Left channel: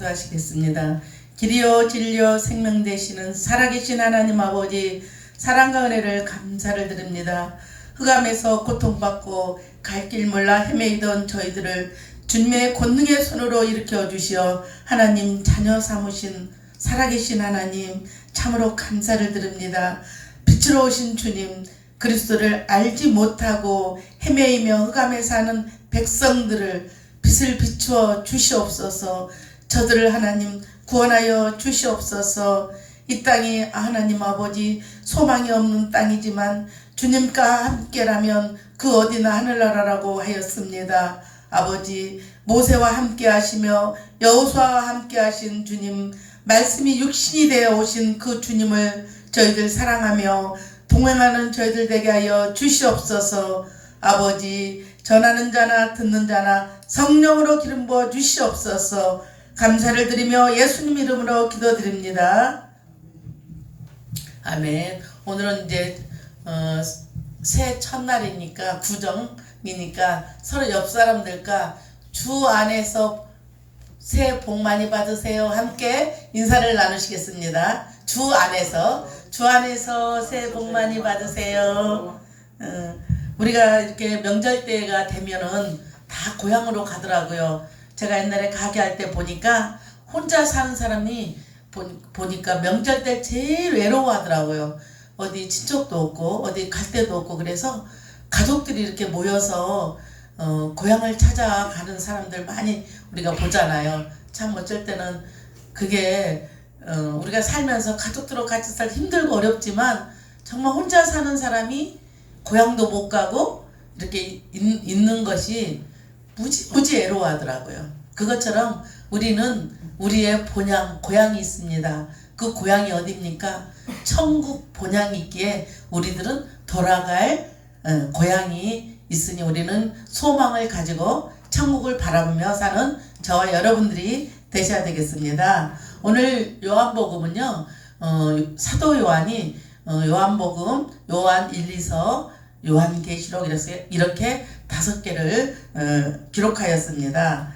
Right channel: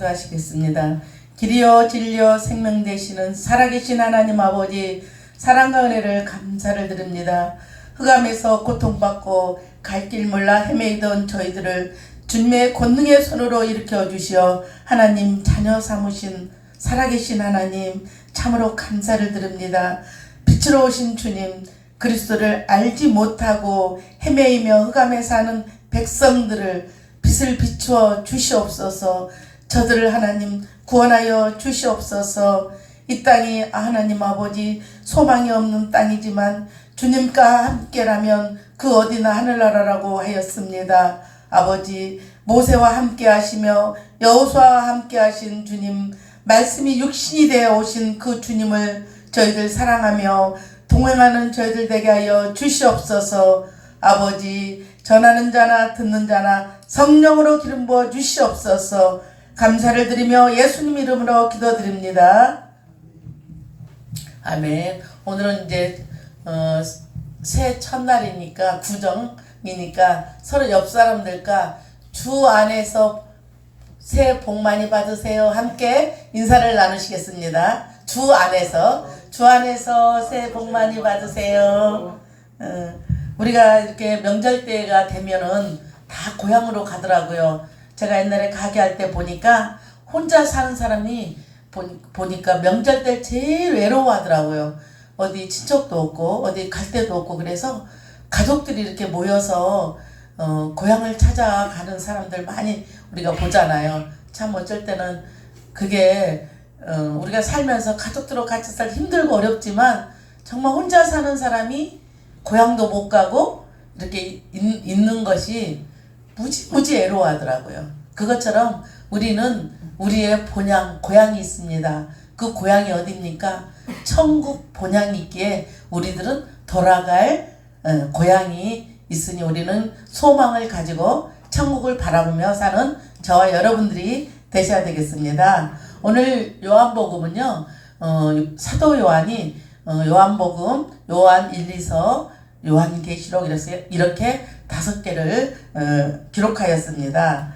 기도하시겠습니다. 길이요 진리요 생명 되시는 살아계신 하나님 아버지, 사랑과 은혜를 감사를 드립니다. 흑암에서 고통받고 갈 길 몰라 헤매이던 저희들을 주님의 권능의 손으로 일으켜 주시어 하나님 자녀 삼으신 살아계신 하나님, 참으로 감사를 드립니다. 빛으로 오신 주님, 그리스도를 알지 못하고 헤매이며 흑암에 사는 백성들을 빛을 비추어 주시옵소서. 저들을 하나님 구원하여 주시옵소서. 이 땅이 하나님 아버지 소망이 없는 땅이지만 주님과 함께라면 그 어디나 하늘나라라고 하였습니다. 아버지, 모세와 함께 하시며 여호수아와 함께 하신 주님, 말씀이 육신이 되어 오신 그 주님을 저희들 사랑하며 동행하는 저희들 되게 하여 주시옵소서. 아버지, 전하는 자나 듣는 자나 성령으로 기름 부어 주시옵소서. 감사를 드리며 예수님 이름으로 기도드립니다. 아멘. 오늘은 이제 새해 첫날이니까 구정이니까 서로 옆 사람들과 주 안에서 새해 복 많이 받으세요. 함께 인사를 나누시겠습니다. 주 안에서 새해 복 많이 받으세요. 우리가 이렇게 명절 때가 되면은 다 고향으로 가더라고요. 제가 옛날에 가게 할 때 보니까 혼자 사는 사람이 보니까 명절 때 제일 외로워하더라고요. 어디 친척도 없고 어디 갈 데도 없고, 그래서 가족들이 이렇게 모여서 고향을 찾아가는 사람들 많이 우리가 보잖아요. 참 어쩔 때는 그게 우리가 살면서 가족들하고 같이 살 힘들고 어렵지만 정말 혼자 사는 사람이 고향도 못 가고 이렇게 있는 것이 무지 애로워하더라고요. 그것처럼 우리는 우리의 고향이 있습니다. 그 고향이 어디입니까? 천국 본향이 있기에 우리들은 돌아갈 고향이 있으니 우리는 소망을 가지고 천국을 바라보며 사는 저와 여러분들이 되셔야 되겠습니다. 오늘 요한복음은요, 사도 요한이 요한복음, 요한 1, 2서, 요한계시록 이렇게 5개를 기록하였습니다.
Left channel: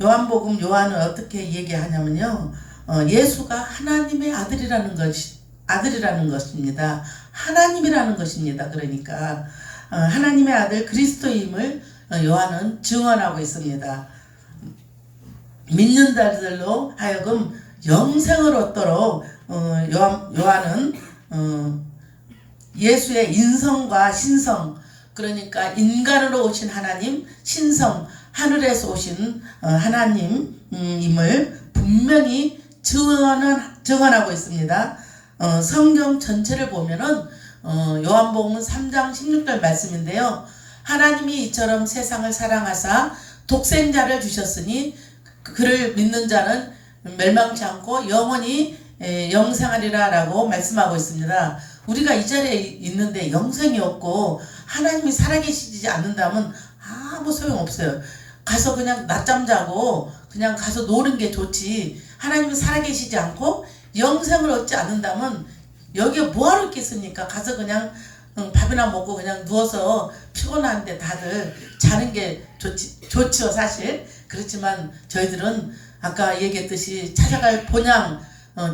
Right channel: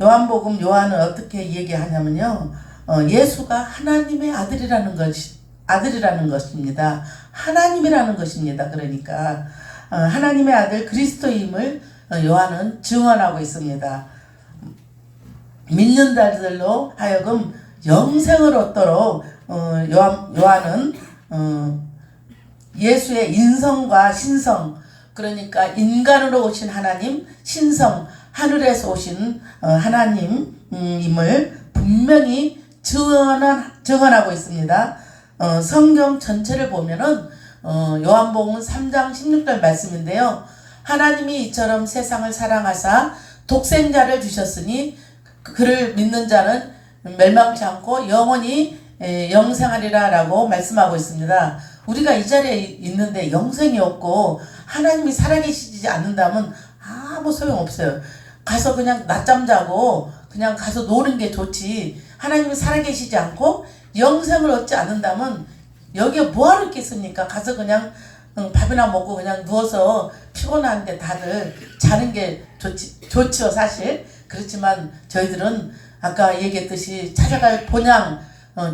요한복음 요한은 어떻게 얘기하냐면요, 예수가 하나님의 아들이라는 것입니다. 하나님이라는 것입니다. 그러니까 하나님의 아들 그리스도임을 요한은 증언하고 있습니다. 믿는 자들로 하여금 영생을 얻도록 요한은 예수의 인성과 신성, 그러니까 인간으로 오신 하나님, 신성, 하늘에서 오신 하나님임을 분명히 증언하고 있습니다. 성경 전체를 보면은 요한복음 3장 16절 말씀인데요. 하나님이 이처럼 세상을 사랑하사 독생자를 주셨으니 그를 믿는 자는 멸망치 않고 영원히 영생하리라 라고 말씀하고 있습니다. 우리가 이 자리에 있는데 영생이 없고 하나님이 살아계시지 않는다면 아무 소용없어요. 가서 그냥 낮잠 자고 그냥 가서 노는 게 좋지, 하나님이 살아계시지 않고 영생을 얻지 않는다면 여기에 뭐하러 있겠습니까? 가서 그냥 밥이나 먹고 그냥 누워서 피곤한데 다들 자는 게 좋지요 사실. 그렇지만 저희들은 아까 얘기했듯이 찾아갈 본향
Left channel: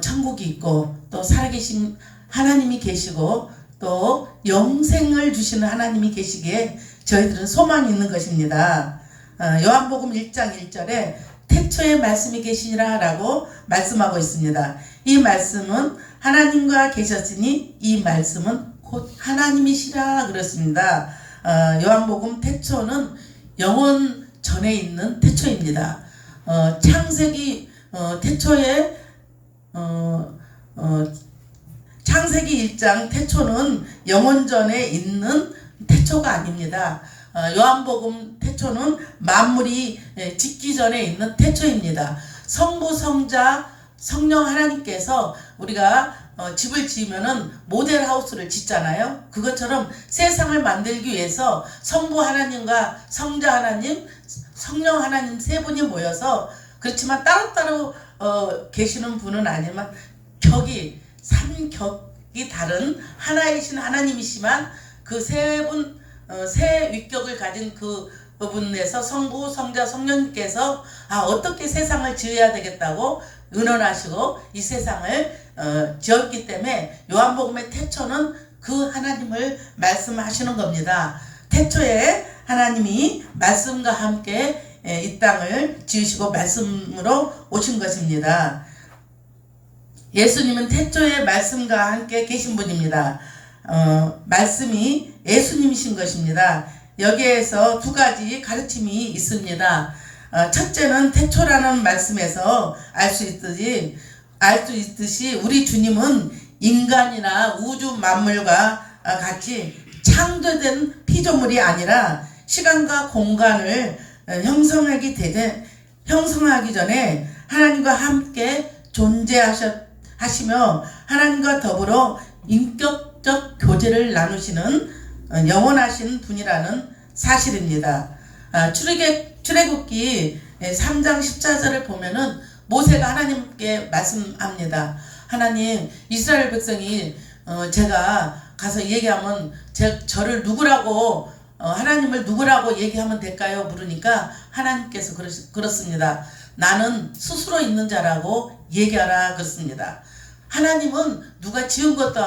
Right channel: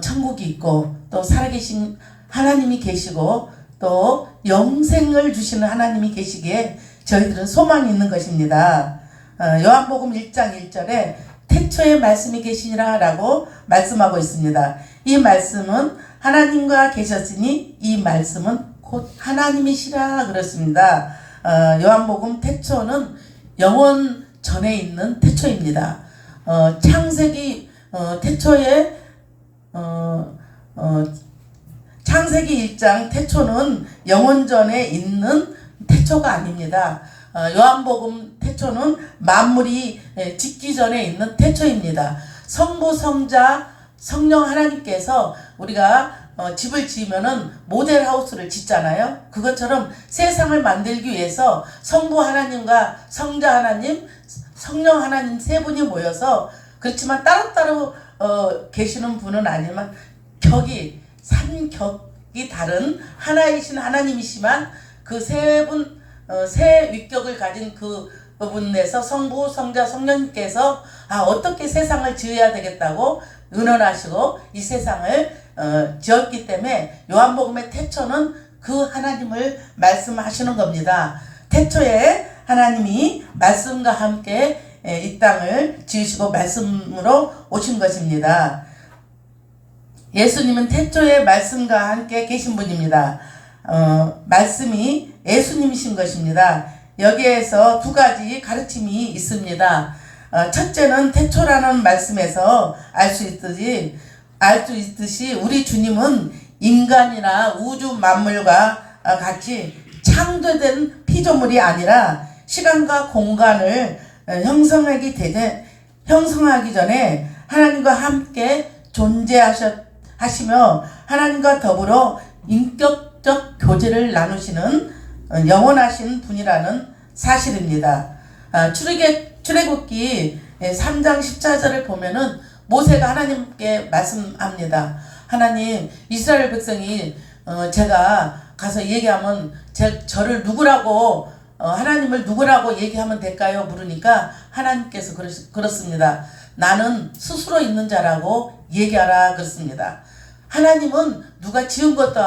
천국이 있고 또 살아계신 하나님이 계시고 또 영생을 주시는 하나님이 계시기에 저희들은 소망이 있는 것입니다. 요한복음 1장 1절에 태초에 말씀이 계시니라 라고 말씀하고 있습니다. 이 말씀은 하나님과 계셨으니 이 말씀은 곧 하나님이시라 그렇습니다. 요한복음 태초는 영원 전에 있는 태초입니다. 창세기 태초에 창세기 1장 태초는 영원 전에 있는 태초가 아닙니다. 요한복음 태초는 만물이 짓기 전에 있는 태초입니다. 성부, 성자, 성령 하나님께서 우리가 집을 지으면은 모델하우스를 짓잖아요. 그것처럼 세상을 만들기 위해서 성부 하나님과 성자 하나님, 성령 하나님 세 분이 모여서, 그렇지만 따로따로 계시는 분은 아니지만 삼격이 다른 하나이신 하나님이시만 그 세 분, 세 위격을 가진 그 부분에서 성부, 성자, 성령님께서 어떻게 세상을 지어야 되겠다고 의논하시고 이 세상을 지었기 때문에 요한복음의 태초는 그 하나님을 말씀하시는 겁니다. 태초에 하나님이 말씀과 함께 이 땅을 지으시고 말씀으로 오신 것입니다. 예수님은 태초에 말씀과 함께 계신 분입니다. 말씀이 예수님이신 것입니다. 여기에서 두 가지 가르침이 있습니다. 첫째는 태초라는 말씀에서 알 수 있듯이 우리 주님은 인간이나 우주 만물과 같이 창조된 피조물이 아니라 시간과 공간을 형성하기 전에 하나님과 함께 존재하시며 하나님과 더불어 인격적 교제를 나누시는 영원하신 분이라는 사실입니다. 출애굽기 3장 14절을 보면은 모세가 하나님께 말씀합니다. 하나님, 이스라엘 백성이 제가 가서 얘기하면 저를 누구라고 하나님을 누구라고 얘기하면 될까요? 물으니까 하나님께서 그렇습니다. 나는 스스로 있는 자라고 얘기하라 그렇습니다. 하나님은 누가 지은 것도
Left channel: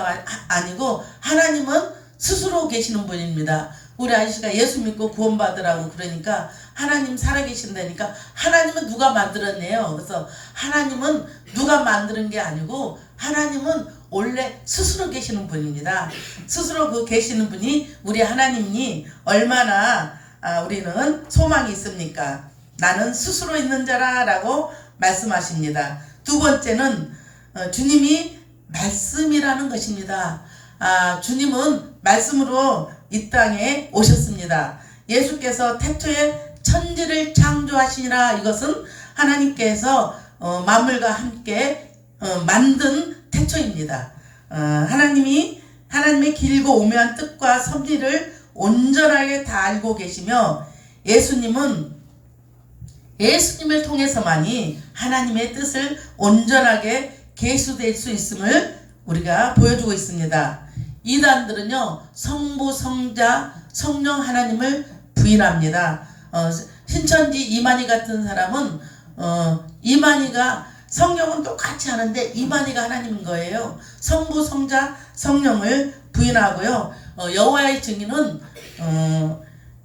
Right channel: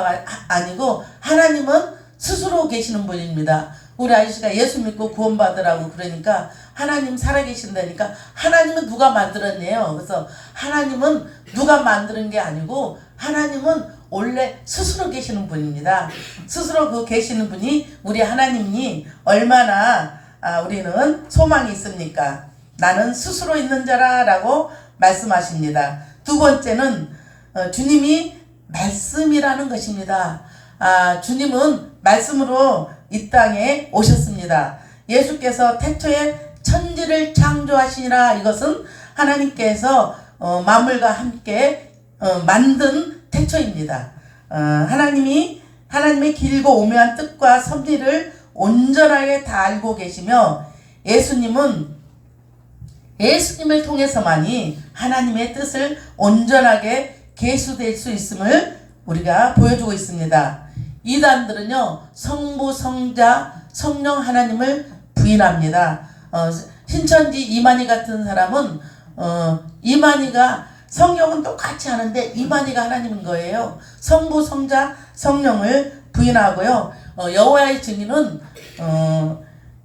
아니고 하나님은 스스로 계시는 분입니다. 우리 아저씨가 예수 믿고 구원받으라고 그러니까 하나님 살아계신다니까 하나님은 누가 만들었네요. 그래서 하나님은 누가 만드는 게 아니고 하나님은 원래 스스로 계시는 분입니다. 스스로 그 계시는 분이 우리 하나님이 얼마나 우리는 소망이 있습니까? 나는 스스로 있는 자라 라고 말씀하십니다. 두 번째는 주님이 말씀이라는 것입니다. 주님은 말씀으로 이 땅에 오셨습니다. 예수께서 태초에 천지를 창조하시니라. 이것은 하나님께서 만물과 함께 만든 태초입니다. 하나님의 길고 오묘한 뜻과 섭리를 온전하게 다 알고 계시며 예수님을 통해서만이 하나님의 뜻을 온전하게 계수될 수 있음을 우리가 보여주고 있습니다. 이단들은요, 성부, 성자, 성령 하나님을 부인합니다. 신천지 이만희 같은 사람은 이만희가 성경은 똑같이 하는데 이만희가 하나님인 거예요. 성부, 성자, 성령을 부인하고요. 여호와의 증인은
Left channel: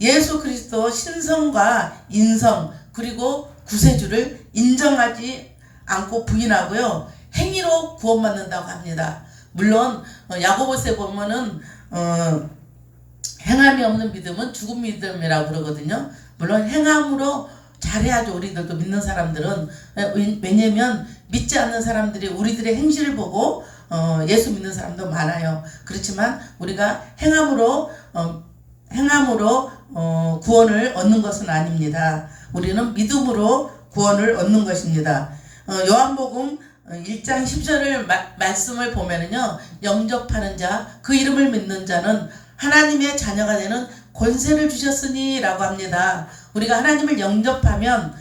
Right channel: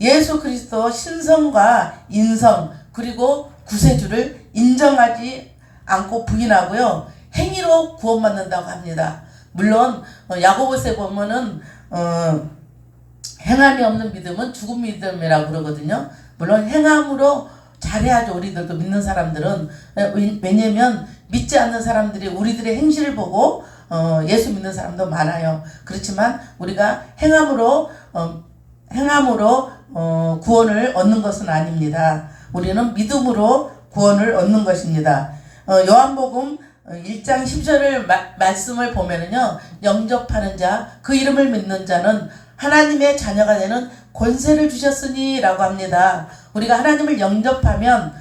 예수 그리스도 신성과 인성 그리고 구세주를 인정하지 않고 부인하고요. 행위로 구원받는다고 합니다. 물론 야고보서에 보면은 행함이 없는 믿음은 죽은 믿음이라고 그러거든요. 물론 행함으로 잘해야죠. 우리들도 믿는 사람들은. 왜냐면 믿지 않는 사람들이 우리들의 행실을 보고 예수 믿는 사람도 많아요. 그렇지만 우리가 행함으로 구원을 얻는 것은 아닙니다. 우리는 믿음으로 구원을 얻는 것입니다. 요한복음 1장 10절을 말씀을 보면은요, 영접하는 자, 그 이름을 믿는 자는 하나님의 자녀가 되는 권세를 주셨으니 라고 합니다. 우리가 하나님을 영접하면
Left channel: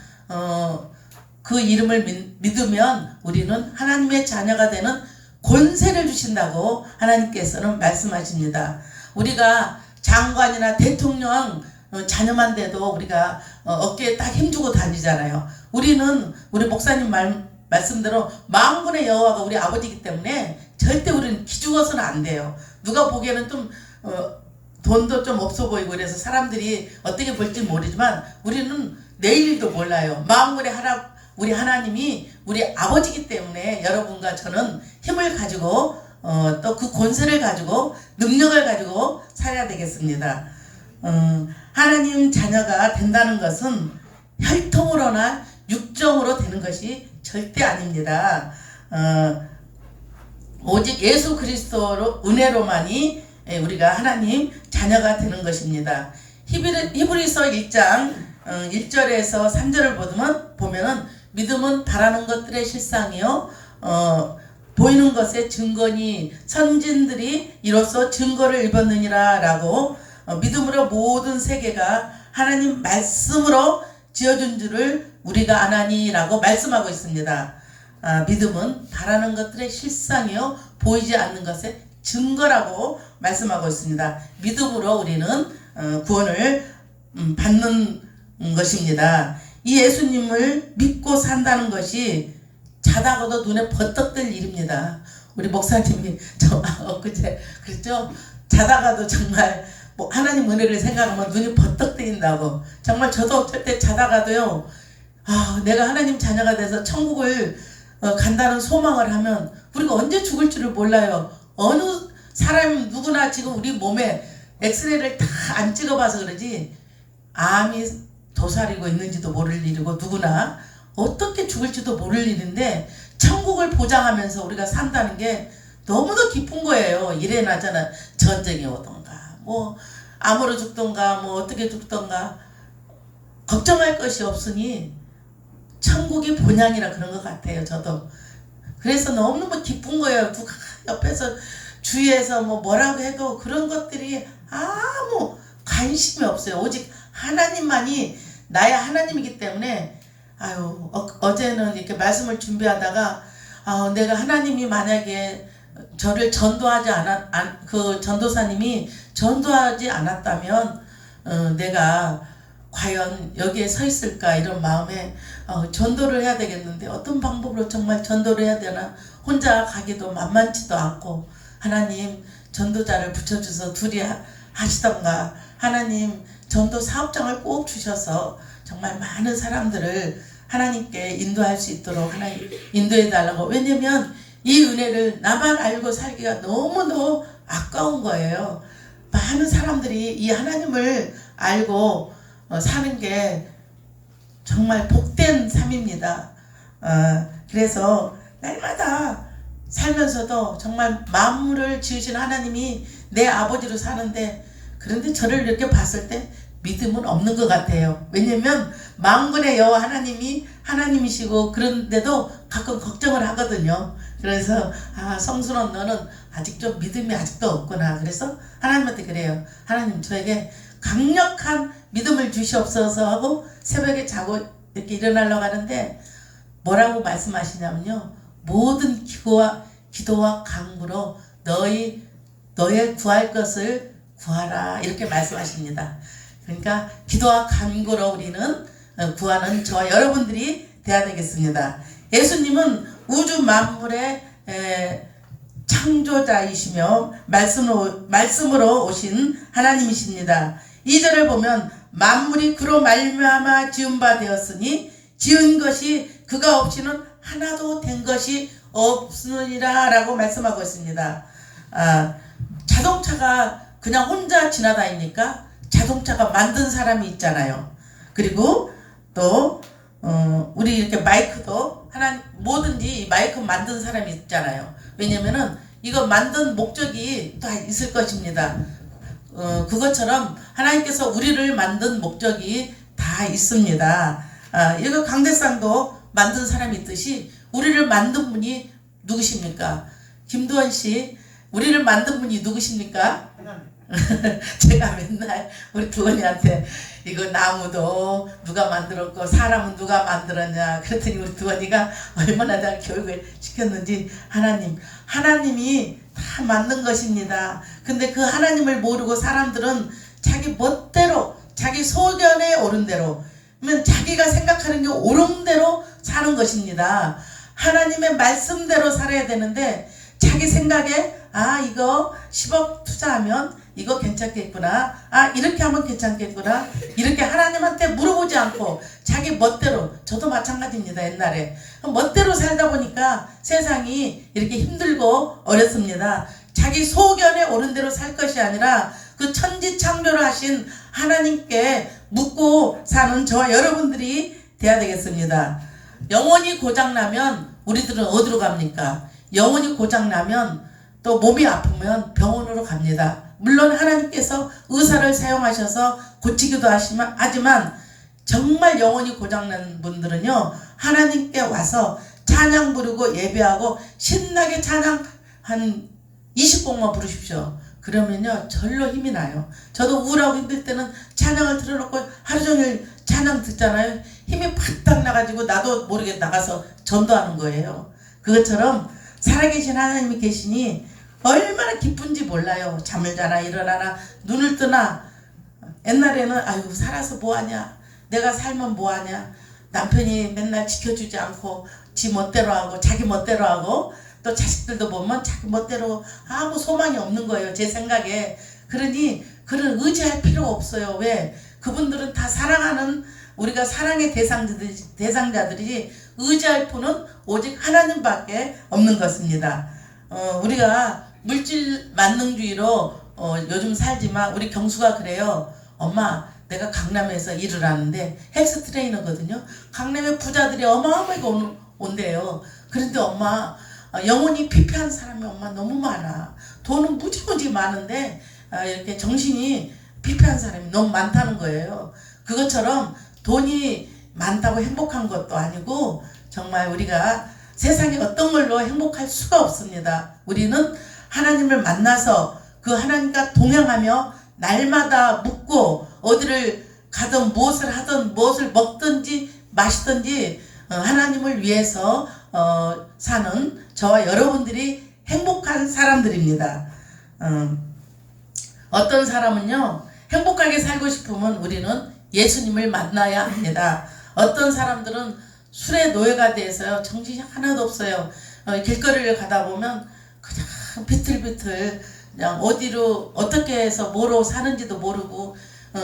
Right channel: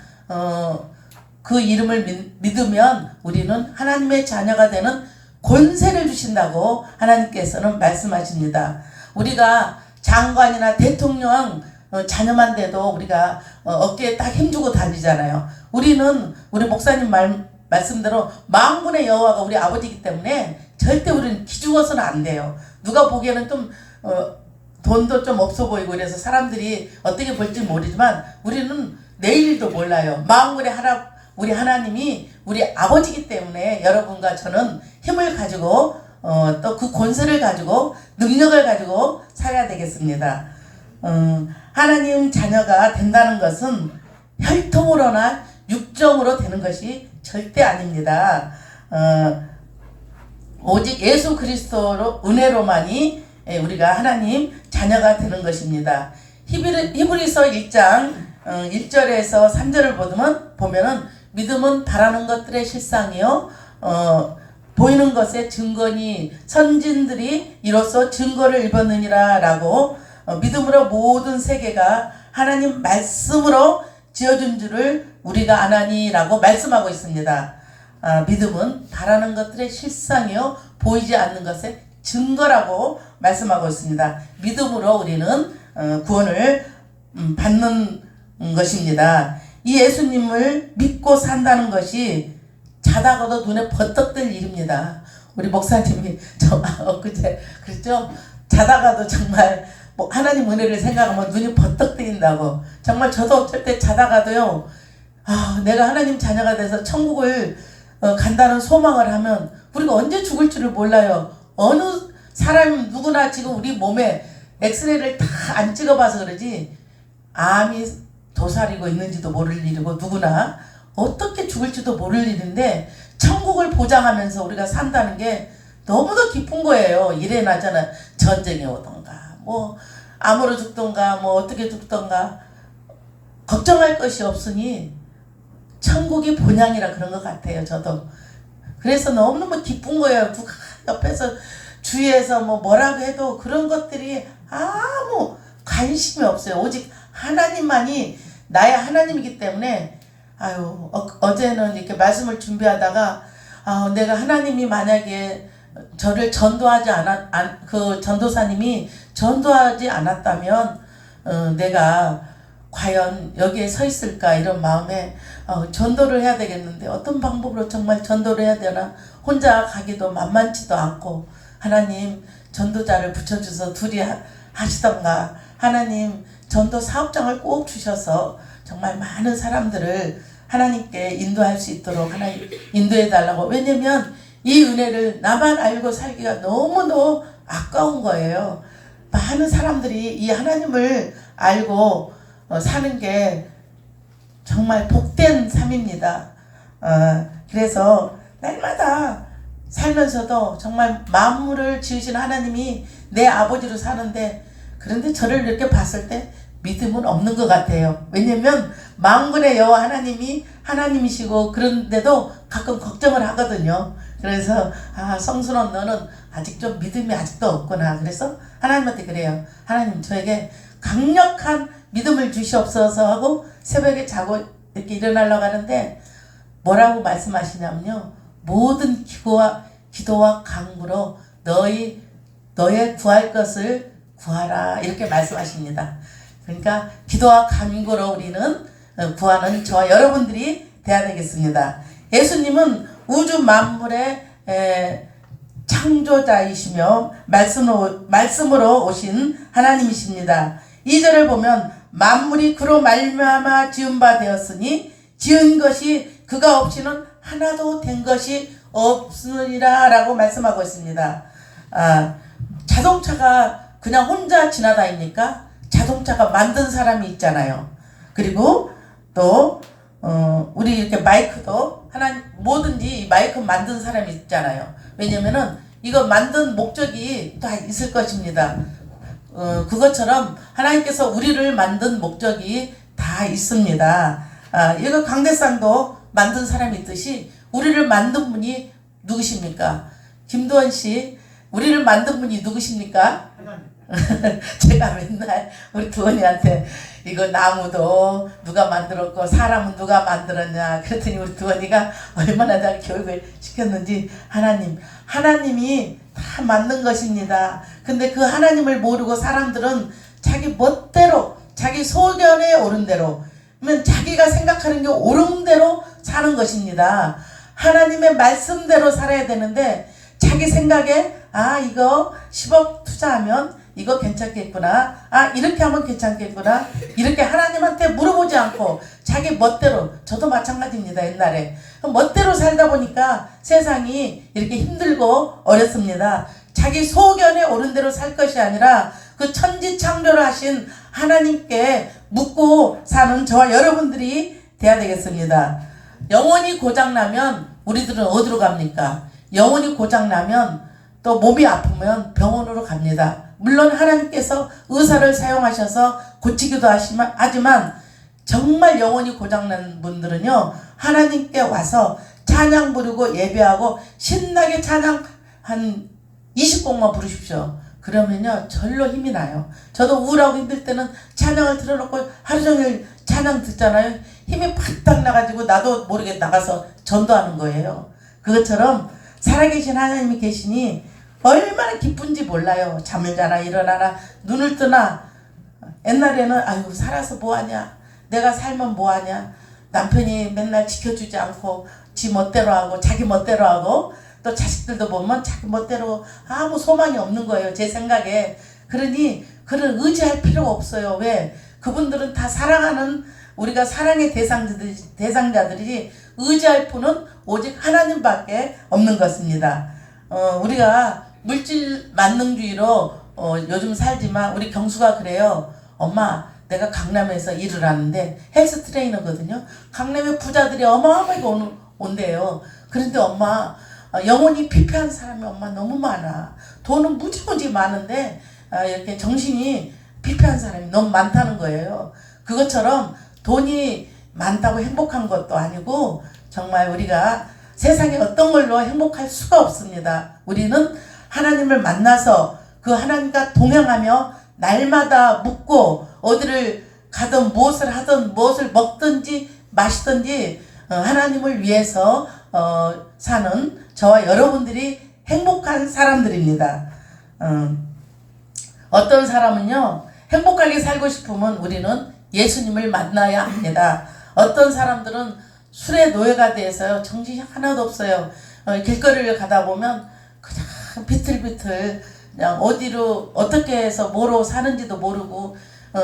그 이름을 믿으면 우리는 하나님의 자녀가 되는 권세를 주신다고 하나님께서는 말씀하십니다. 우리가 장관이나 대통령 자녀만 돼도 우리가 어깨에 딱 힘주고 다니잖아요. 우리 목사님 말씀대로 만군의 여호와가 우리 아버지이기 때문에 절대 우리는 기죽어서는 안 돼요. 누가 보기에는 좀 돈도 좀 없어 보이고 그래서 사람들이 어떻게 볼지 모르지만 우리는 내일도 몰라요. 만군의 우리 하나님이 우리 아버지이기 때문에 여러분과 저는 힘을 가지고 또 그 권세를 가지고 능력을 가지고 살아야 되겠습니다. 하나님 자녀가 된다는 것은 혈통으로나 육정으로 되는 것이 절대 아닙니다. 오직 예수 그리스도로 은혜로만이 우리가 하나님 자녀가 되는 것입니다. 히브리서 1장 1절에서 3절을 보면은 믿음은 바라는 것들의 실상이요 보이는 것의 증거니 선진들이 이로써 증거를 입었느니라 라고 믿음으로 모든 세계가 하나님 말씀으로 지어준 줄을 우리가 아나니 라고 말씀하고 있습니다. 믿음은 바라는 것들의 실상이요 보이지 않는 것의 증거라고 말씀하고 있습니다. 믿음으로 우리는 구원을 받는 것입니다. 이 예수님을 믿고 산다는 것이 자다가도 눈에 버떡 뜰 일입니다. 우리 목사님이 엊그제 그랬죠? 자다가도 정말 뭐 하나님 은혜를 생각하면 눈이 버떡 뜨인다고. 정말 저도 어쩔 때 자다가도요, 내가 하나님 자녀가 돼서 천국을 간다는 소망을 하면 우리가 언제 죽을 줄을 몰라요. 어느 사람 누구나 지금 우리 몸에 엑스레이를 다 안 찍어봐서 그러지 암이 도사리고 있는지도 모를 일이고 누구나 어떻게 죽을지도 모를 일인데 천국을 보장하면서 우리가 산다는 게 너무도 기쁜 거예요. 이래나 저나 전쟁이 오던가 뭐 암으로 죽던가 뭐 어떻게 죽던가 걱정할 것이 없으니 천국이 본향이라 그런 것 같아요. 저도 그래서 너무너무 기쁜 거예요. 누가 옆에서 주위에서 뭐라고 해도 그런 것들이 아무 관심이 없어요. 오직 하나님만이 나의 하나님이기 때문에 어제는 이렇게 말씀을 준비하다가 내가 하나님이 만약에 저를 전도하지 그 전도사님이 전도하지 않았다면 내가 과연 여기에 서 있을까 이런 마음에 전도를 해야 되겠는데 어떤 방법으로 정말 전도를 해야 되나 혼자 가기도 만만치도 않고 하나님 전도자를 붙여주셔서 둘이 하시던가 하나님 전도 사업장을 꼭 주셔서 정말 많은 사람들을 하나님께 인도할 수 있도록 하나님 인도해 달라고. 왜냐면 이 은혜를 나만 알고 살기가 너무너무 아까운 거예요. 많은 사람들이 이 하나님을 알고 사는 게 정말 복된 삶입니다. 그래서 날마다 살면서도 정말 만물을 지으신 하나님이 내 아버지로 사는데 그런데 저를 이렇게 봤을 때 믿음은 없는 것 같아요. 왜냐면 만군의 여호와 하나님이 하나님이시고 그런데도 가끔 걱정을 하거든요. 그래서 성순아 너는 아직 좀 믿음이 아직도 없구나. 그래서 하나님한테 그래요. 하나님 저에게 강력한 믿음을 주시옵소서 하고 새벽에 자고 이렇게 일어나려고 하는데 뭐라고 말씀하시냐면요. 모든 기도와 간구로 너의 구할 것을 구하라 이렇게 말씀하십니다. 그러니까 기도와 간구로 우리는 구하는 저와 여러분들이 돼야 되겠습니다. 예수님은 우주 만물의 창조자이시며 말씀으로 오신 하나님이십니다. 2절을 보면 만물이 그로 말미암아 지은 바 되었으니 지은 것이 그가 없이는 하나도 된 것이 없으리라 라고 말씀하고 있습니다. 자동차가 그냥 혼자 지나다니니까 자동차가 만든 사람이 있잖아요. 그리고 또 우리 이렇게 마이크도 뭐든지 마이크 만든 사람이 있잖아요. 왜냐면은 이거 만든 목적이 다 있을 것입니다. 그것처럼 하나님께서 우리를 만든 목적이 다 있습니다. 이거 강대상도 만든 사람이 있듯이 우리를 만든 분이 누구십니까? 김도원 씨, 우리를 만든 분이 누구십니까? 제가 맨날 우리 두원이한테 이거 나무도 누가 만들었고 사람은 누가 만들었냐 그랬더니 우리 두원이가 얼마나 잘 교육을 시켰는지 하나님이 다 만든 것입니다. 근데 그 하나님을 모르고 사람들은 자기 멋대로 자기 소견에 오른 대로 자기가 생각하는 게 옳은 대로 사는 것입니다. 하나님의 말씀대로 살아야 되는데 자기 생각에 이거 10억 투자하면 이거 괜찮겠구나. 이렇게 하면 괜찮겠구나. 이렇게 하나님한테 물어보지 않고 자기 멋대로 저도 마찬가지입니다. 옛날에 멋대로 살다 보니까 세상이 이렇게 힘들고 어렵습니다. 자기 소견에 옳은 대로 살 것이 아니라 그 천지 창조를 하신 하나님께 묻고 사는 저와 여러분들이 돼야 되겠습니다. 영혼이 고장나면 우리들은 어디로 갑니까? 영혼이 고장나면 또 몸이 아프면 병원으로 갑니다. 물론 하나님께서 의사를 사용하셔서 고치기도 하지만 정말 영혼이 고장난 분들은요 하나님께 와서 찬양 부르고 예배하고 신나게 찬양 한 20곡만 부르십시오. 그러면요 절로 힘이 나요. 저도 우울하고 힘들 때는 찬양을 틀어놓고 하루 종일 찬양 듣잖아요. 힘이 팍딱 나가지고 나도 모르게 나가서 전도하는 거예요. 그것처럼 살아계신 하나님이 계시니 얼마나 기쁜지 몰라요. 잠을 자나 일어나나 눈을 뜨나 옛날에는 아유 살아서 뭐하냐, 내가 살면 뭐하냐, 남편이 맨날 지켜주지 않고 지 멋대로 하고 자기 멋대로 하고 또 자식들도 보면 자기 멋대로 아무 소망이 없는 거예요, 제 생각에. 그러니 그런 의지할 필요가 없어요. 왜? 그분들은 다 사랑하는, 우리가 사랑의 대상자들이 의지할 분은 오직 하나님밖에 없는 것입니다. 우리가 물질 만능주의로 요즘 살지만 우리 경수가 그래요. 엄마, 내가 강남에서 일을 하는데 헬스 트레이너거든요. 강남에 부자들이 어마어마하게 온대요. 그런데 엄마, 영혼이 피폐한 사람이 엄마 너무 많아. 돈은 무지무지 많은데 이렇게 정신이 피폐한 사람이 너무 많다는 거예요. 그것처럼 돈이 많다고 행복한 것도 아니고 정말 우리가 세상에 어떤 걸로 행복할 수가 없습니다. 우리는 하나님을 만나서 그 하나님과 동행하며 날마다 묵고 어디를 가든 무엇을 하든 무엇을 먹든지 마시든지 하나님을 위해서 사는 저와 여러분들이 행복한 사람들입니다. 어떤 사람은요, 행복하게 살고 싶으면 우리는 예수님을 만나야 합니다. 어떤 사람들은 술의 노예가 돼서요, 정신이 하나도 없어요. 길거리를 가다 보면 그냥 비틀비틀 그냥 어디로 어떻게 해서 뭐로 사는지도 모르고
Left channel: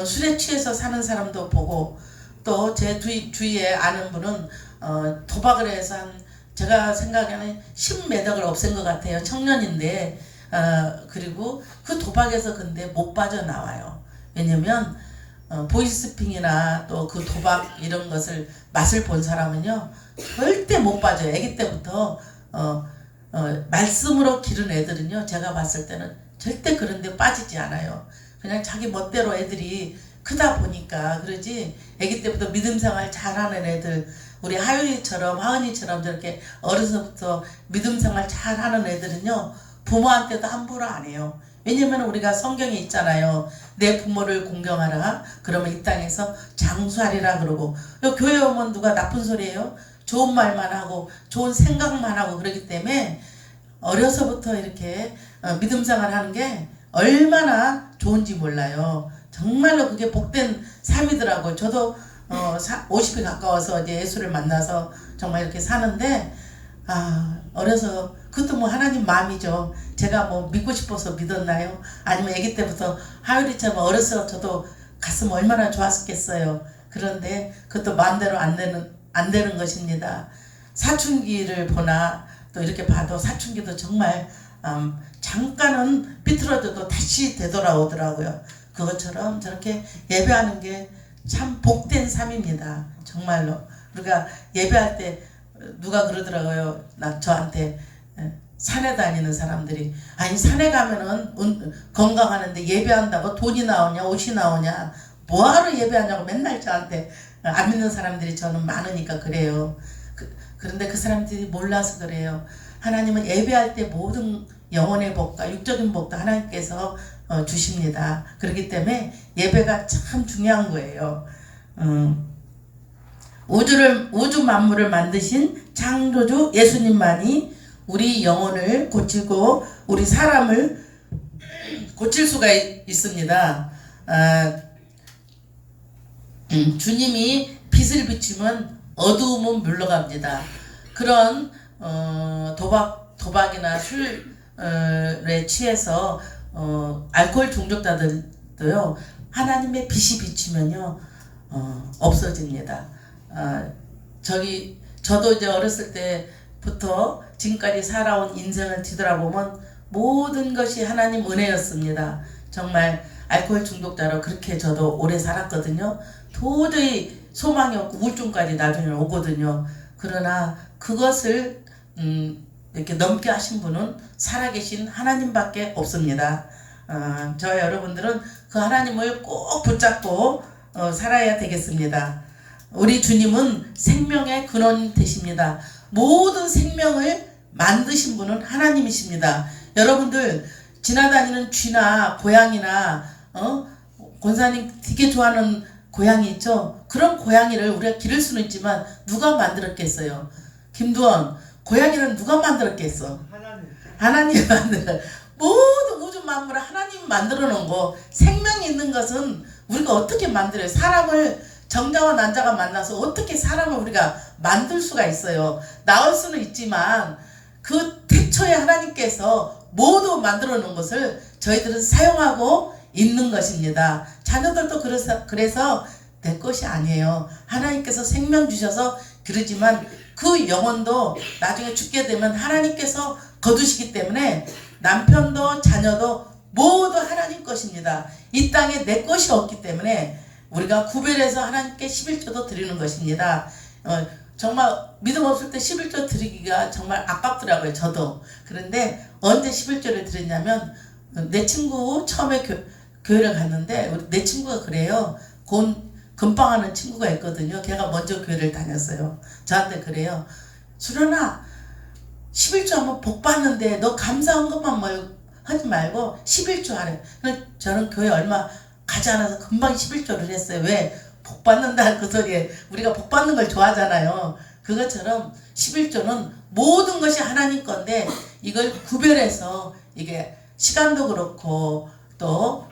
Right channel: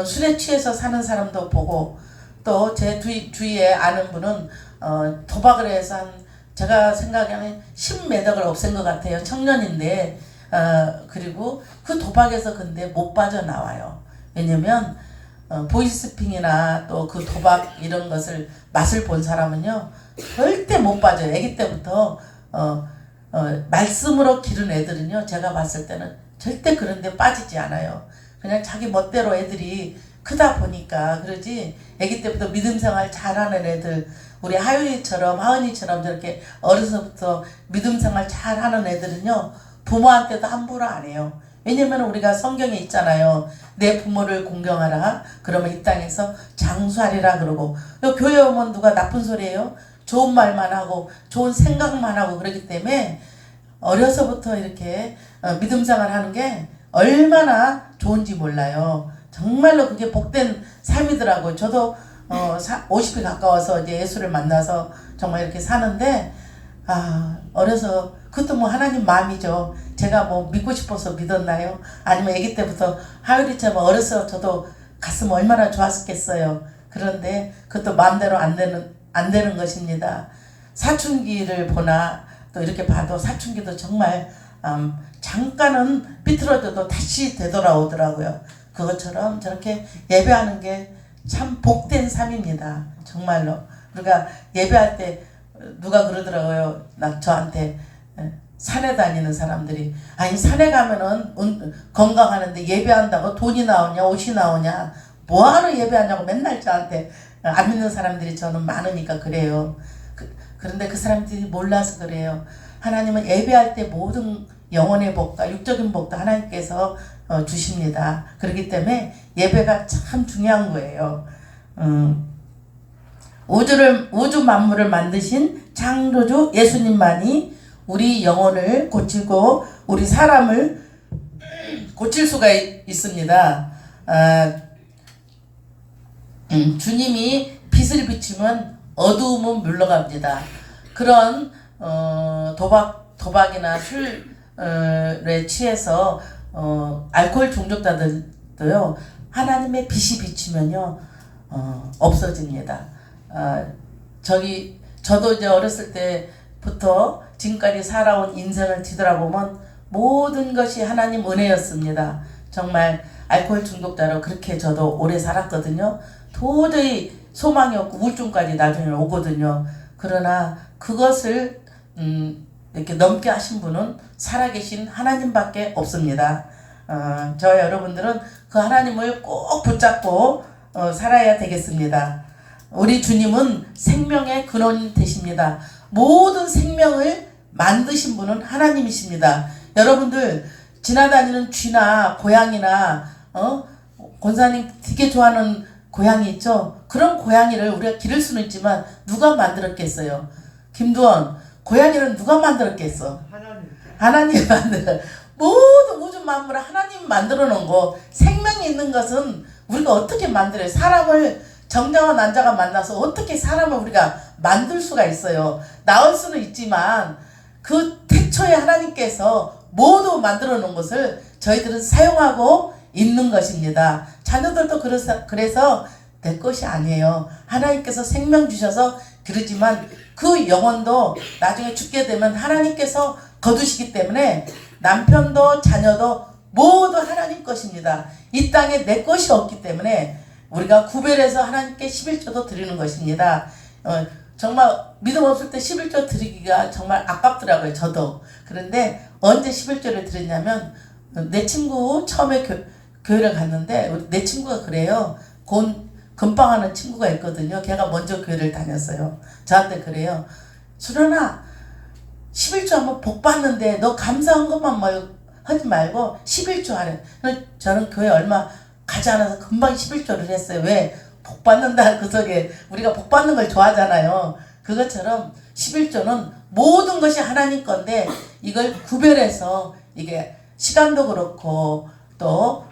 술에 취해서 사는 사람도 보고, 또 제 주위에 아는 분은 도박을 해서 한, 제가 생각에는 10매덕을 없앤 것 같아요. 청년인데 그리고 그 도박에서 근데 못 빠져나와요. 왜냐면 보이스피싱이나 또 그 도박 이런 것을 맛을 본 사람은요 절대 못 빠져요. 아기 때부터 말씀으로 기른 애들은요, 제가 봤을 때는 절대 그런 데 빠지지 않아요. 그냥 자기 멋대로 애들이 크다 보니까 그러지, 아기 때부터 믿음 생활 잘하는 애들, 우리 하은이처럼 저렇게 어려서부터 믿음 생활 잘하는 애들은요 부모한테도 함부로 안 해요. 왜냐면 우리가 성경에 있잖아요. 내 부모를 공경하라. 그러면 이 땅에서 장수하리라 그러고, 교회 오면 누가 나쁜 소리예요? 좋은 말만 하고 좋은 생각만 하고 그러기 때문에 어려서부터 이렇게 믿음 생활하는 게 얼마나 좋은지 몰라요. 정말로 그게 복된 삶이더라고요. 저도 50이 가까워서 이제 예수를 만나서 정말 이렇게 사는데, 어려서 그것도 뭐 하나님 마음이죠. 제가 뭐 믿고 싶어서 믿었나요? 아니면 아기 때부터 하율이처럼 어려서 저도 갔으면 얼마나 좋았겠어요. 그런데 그것도 마음대로 안 되는 것입니다. 사춘기를 보나 또 이렇게 봐도 사춘기도 정말 잠깐은 삐뚤어져도 다시 되돌아오더라고요. 그것처럼 저렇게 예배하는 게 참 복된 삶입니다. 정말로. 우리가 예배할 때 누가 그러더라고요. 저한테 산에 다니는 사람들이, 아니 산에 가면은 건강하는데 예배한다고 돈이 나오냐 옷이 나오냐 뭐하러 예배하냐고 맨날 저한테 안 믿는 사람들이 저는 많으니까 그래요. 그런데 그 사람들이 몰라서 그래요. 하나님은 예배할 때 모든 영혼의 복과 육적인 복도 하나님께서 주십니다. 그렇기 때문에 예배가 참 중요한 거예요. 우주 만물을 만드신 창조주 예수님만이 우리 영혼을 고치고 우리 사람을 고칠 수가 있습니다. 주님이 빛을 비추면 어두움은 물러갑니다. 그런 도박이나 술에 취해서 알코올 중독자들도요, 하나님의 빛이 비치면요 없어집니다. 저도 이제 어렸을 때부터 지금까지 살아온 인생을 뒤돌아보면 모든 것이 하나님 은혜였습니다. 정말 알코올 중독자로 그렇게 저도 오래 살았거든요. 도저히 소망이 없고 우울증까지 나중에 오거든요. 그러나 그것을 이렇게 넘게 하신 분은 살아계신 하나님밖에 없습니다. 저 여러분들은 그 하나님을 꼭 붙잡고 살아야 되겠습니다. 우리 주님은 생명의 근원 되십니다. 모든 생명을 만드신 분은 하나님이십니다. 여러분들 지나다니는 쥐나 고양이나 권사님 되게 좋아하는 고양이 있죠? 그런 고양이를 우리가 기를 수는 있지만 누가 만들었겠어요? 김두원, 고양이는 누가 만들었겠어? 하나님이 만들어. 모든 우주 만물을 하나님 만들어 놓은 거. 생명이 있는 것은 우리가 어떻게 만들어요? 사람을 정자와 난자가 만나서 어떻게 사람을 우리가 만들 수가 있어요? 나올 수는 있지만 그 태초에 하나님께서 모두 만들어 놓은 것을 저희들은 사용하고 있는 것입니다. 자녀들도 그래서 내 것이 아니에요. 하나님께서 생명 주셔서 그러지만 그 영혼도 나중에 죽게 되면 하나님께서 거두시기 때문에 남편도 자녀도 모두 하나님 것입니다. 이 땅에 내 것이 없기 때문에 우리가 구별해서 하나님께 11조도 드리는 것입니다. 정말 믿음 없을 때 11조 드리기가 정말 아깝더라고요. 저도. 그런데 언제 11조를 드렸냐면 내 친구 처음에 교회를 갔는데 내 친구가 그래요. 금방하는 친구가 있거든요. 걔가 먼저 교회를 다녔어요. 저한테 그래요. 수련아 11조 하면 복 받는데 너 감사한 것만 하지 말고 11조 하래. 저는 교회 얼마 가지 않아서 금방 11조를 했어요. 왜? 복 받는다 그 소리에 우리가 복 받는 걸 좋아하잖아요. 그것처럼 11조는 모든 것이 하나님 건데 이걸 구별해서 이게 시간도 그렇고 또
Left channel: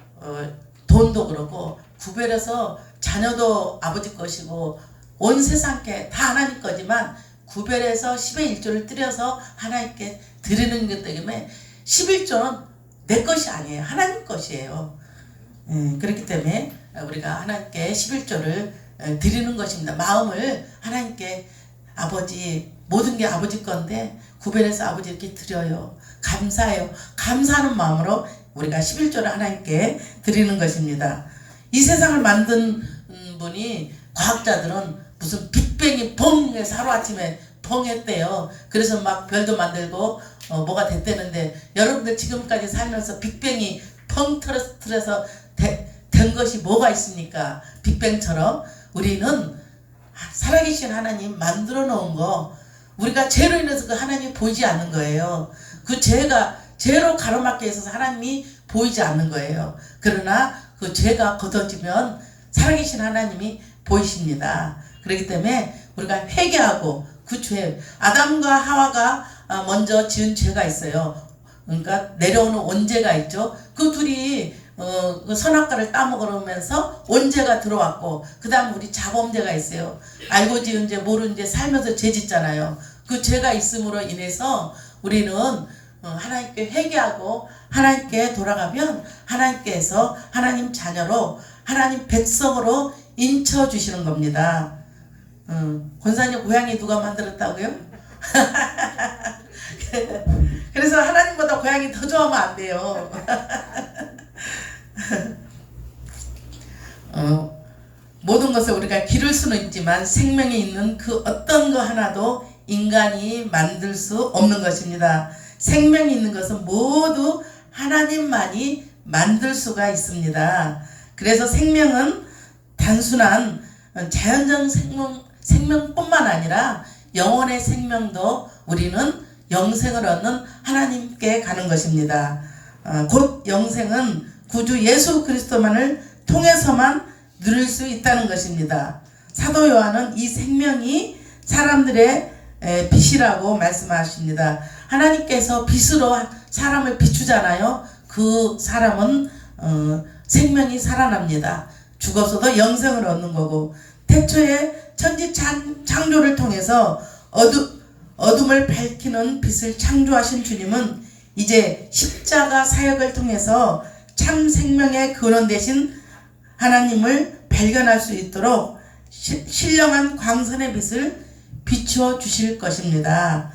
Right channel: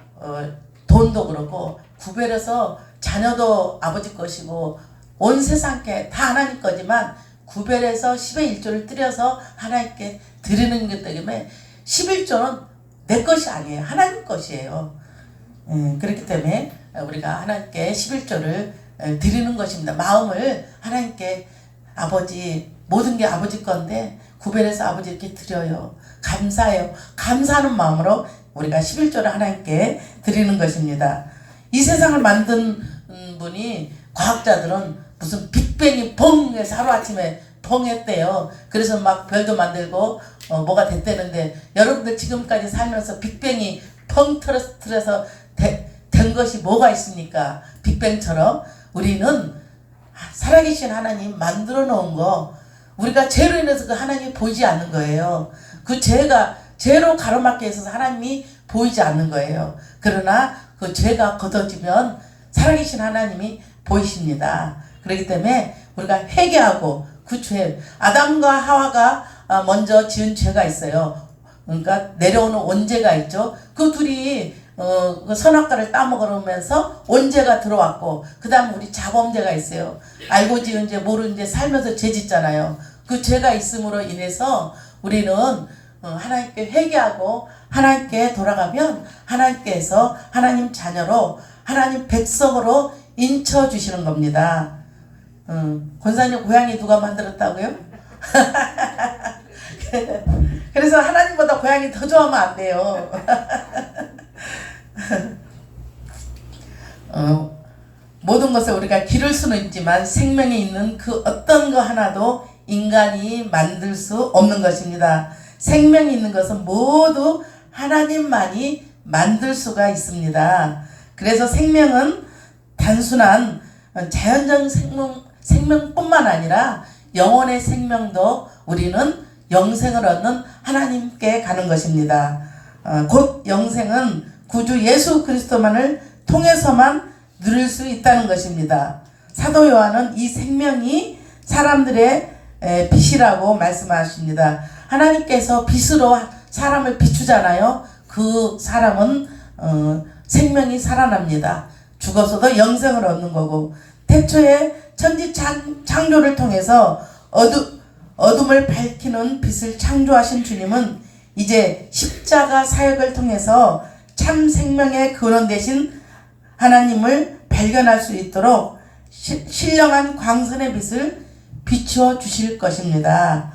돈도 그렇고 구별해서 자녀도 아버지 것이고 온 세상께 다 하나님 거지만 구별해서 10의 1조를 드려서 하나님께 드리는 것 때문에 11조는 내 것이 아니에요. 하나님 것이에요. 그렇기 때문에 우리가 하나님께 11조를 드리는 것입니다. 마음을 하나님께 아버지 모든 게 아버지 건데 구별해서 아버지 이렇게 드려요. 감사해요. 감사하는 마음으로 우리가 11조를 하나님께 드리는 것입니다. 이 세상을 만든 분이 과학자들은 무슨 빅뱅이 펑 해서 하루아침에 펑 했대요. 그래서 막 별도 만들고 뭐가 됐다는데 여러분들 지금까지 살면서 빅뱅이 펑 터져서 된 것이 뭐가 있습니까? 빅뱅처럼 우리는 살아계신 하나님 만들어 놓은 거 우리가 죄로 인해서 그 하나님이 보이지 않는 거예요. 그 죄로 가로막혀 있어서 하나님이 보이지 않는 거예요. 그러나 그 죄가 걷어지면 살아계신 하나님이 보이십니다. 그렇기 때문에 우리가 회개하고 그 죄, 아담과 하와가 먼저 지은 죄가 있어요. 그러니까 내려오는 원죄가 있죠. 그 둘이 그 선악과를 따먹으면서 원죄가 들어왔고 그 다음 우리 자범죄가 있어요. 알고 지은 죄 모르는 죄 살면서 죄 짓잖아요. 그 죄가 있음으로 인해서 우리는 하나님께 회개하고 하나님께 돌아가면 하나님께서 하나님 자녀로 하나님 백성으로 인쳐주시는 겁니다. 권사님 고양이 누가 만들었다고요? 그래서 하나님보다 고양이 더 좋아하면 안 돼요. 모든 것을 우리가 기를 수는 있지만 생명이 있는 그 어떤 거 하나도 인간이 만들 수 없는 것입니다. 생명이 있는 것은 모두 하나님만이 만들 수가 있습니다. 그래서 생명은 단순한 자연적 생명뿐만 아니라 영혼의 생명도 우리는 영생을 얻는 하나님께 가는 것입니다. 곧 영생은 구주 예수 그리스도만을 통해서만 누릴 수 있다는 것입니다. 사도 요한은 이 생명이 사람들의 빛이라고 말씀하십니다. 하나님께서 빛으로 사람을 비추잖아요. 그 사람은 생명이 살아납니다. 죽어서도 영생을 얻는 거고 태초에 천지 창조를 통해서 어둠을 밝히는 빛을 창조하신 주님은 이제 십자가 사역을 통해서 참 생명의 근원 되신 하나님을 발견할 수 있도록 신령한 광선의 빛을 비추어 주실 것입니다.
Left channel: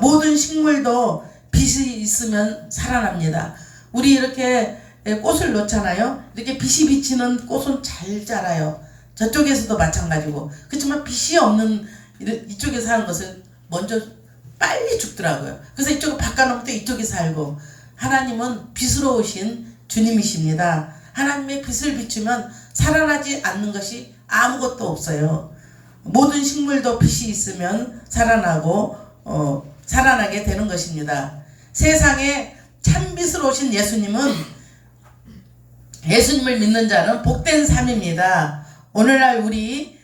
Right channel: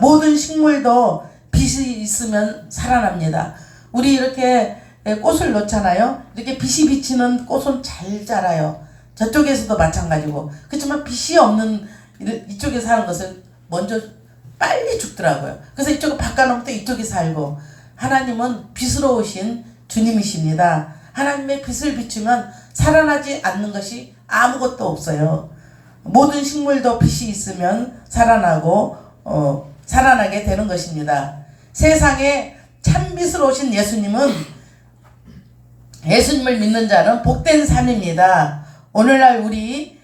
모든 식물도 빛이 있으면 살아납니다. 우리 이렇게 꽃을 놓잖아요. 이렇게 빛이 비치는 꽃은 잘 자라요. 저쪽에서도 마찬가지고. 그렇지만 빛이 없는 이쪽에 사는 것은 먼저 빨리 죽더라고요. 그래서 이쪽을 바꿔놓을 때 이쪽이 살고. 하나님은 빛으로 오신 주님이십니다. 하나님의 빛을 비추면 살아나지 않는 것이 아무것도 없어요. 모든 식물도 빛이 있으면 살아나고 살아나게 되는 것입니다. 세상에 참빛으로 오신 예수님을 믿는 자는 복된 삶입니다. 오늘날 우리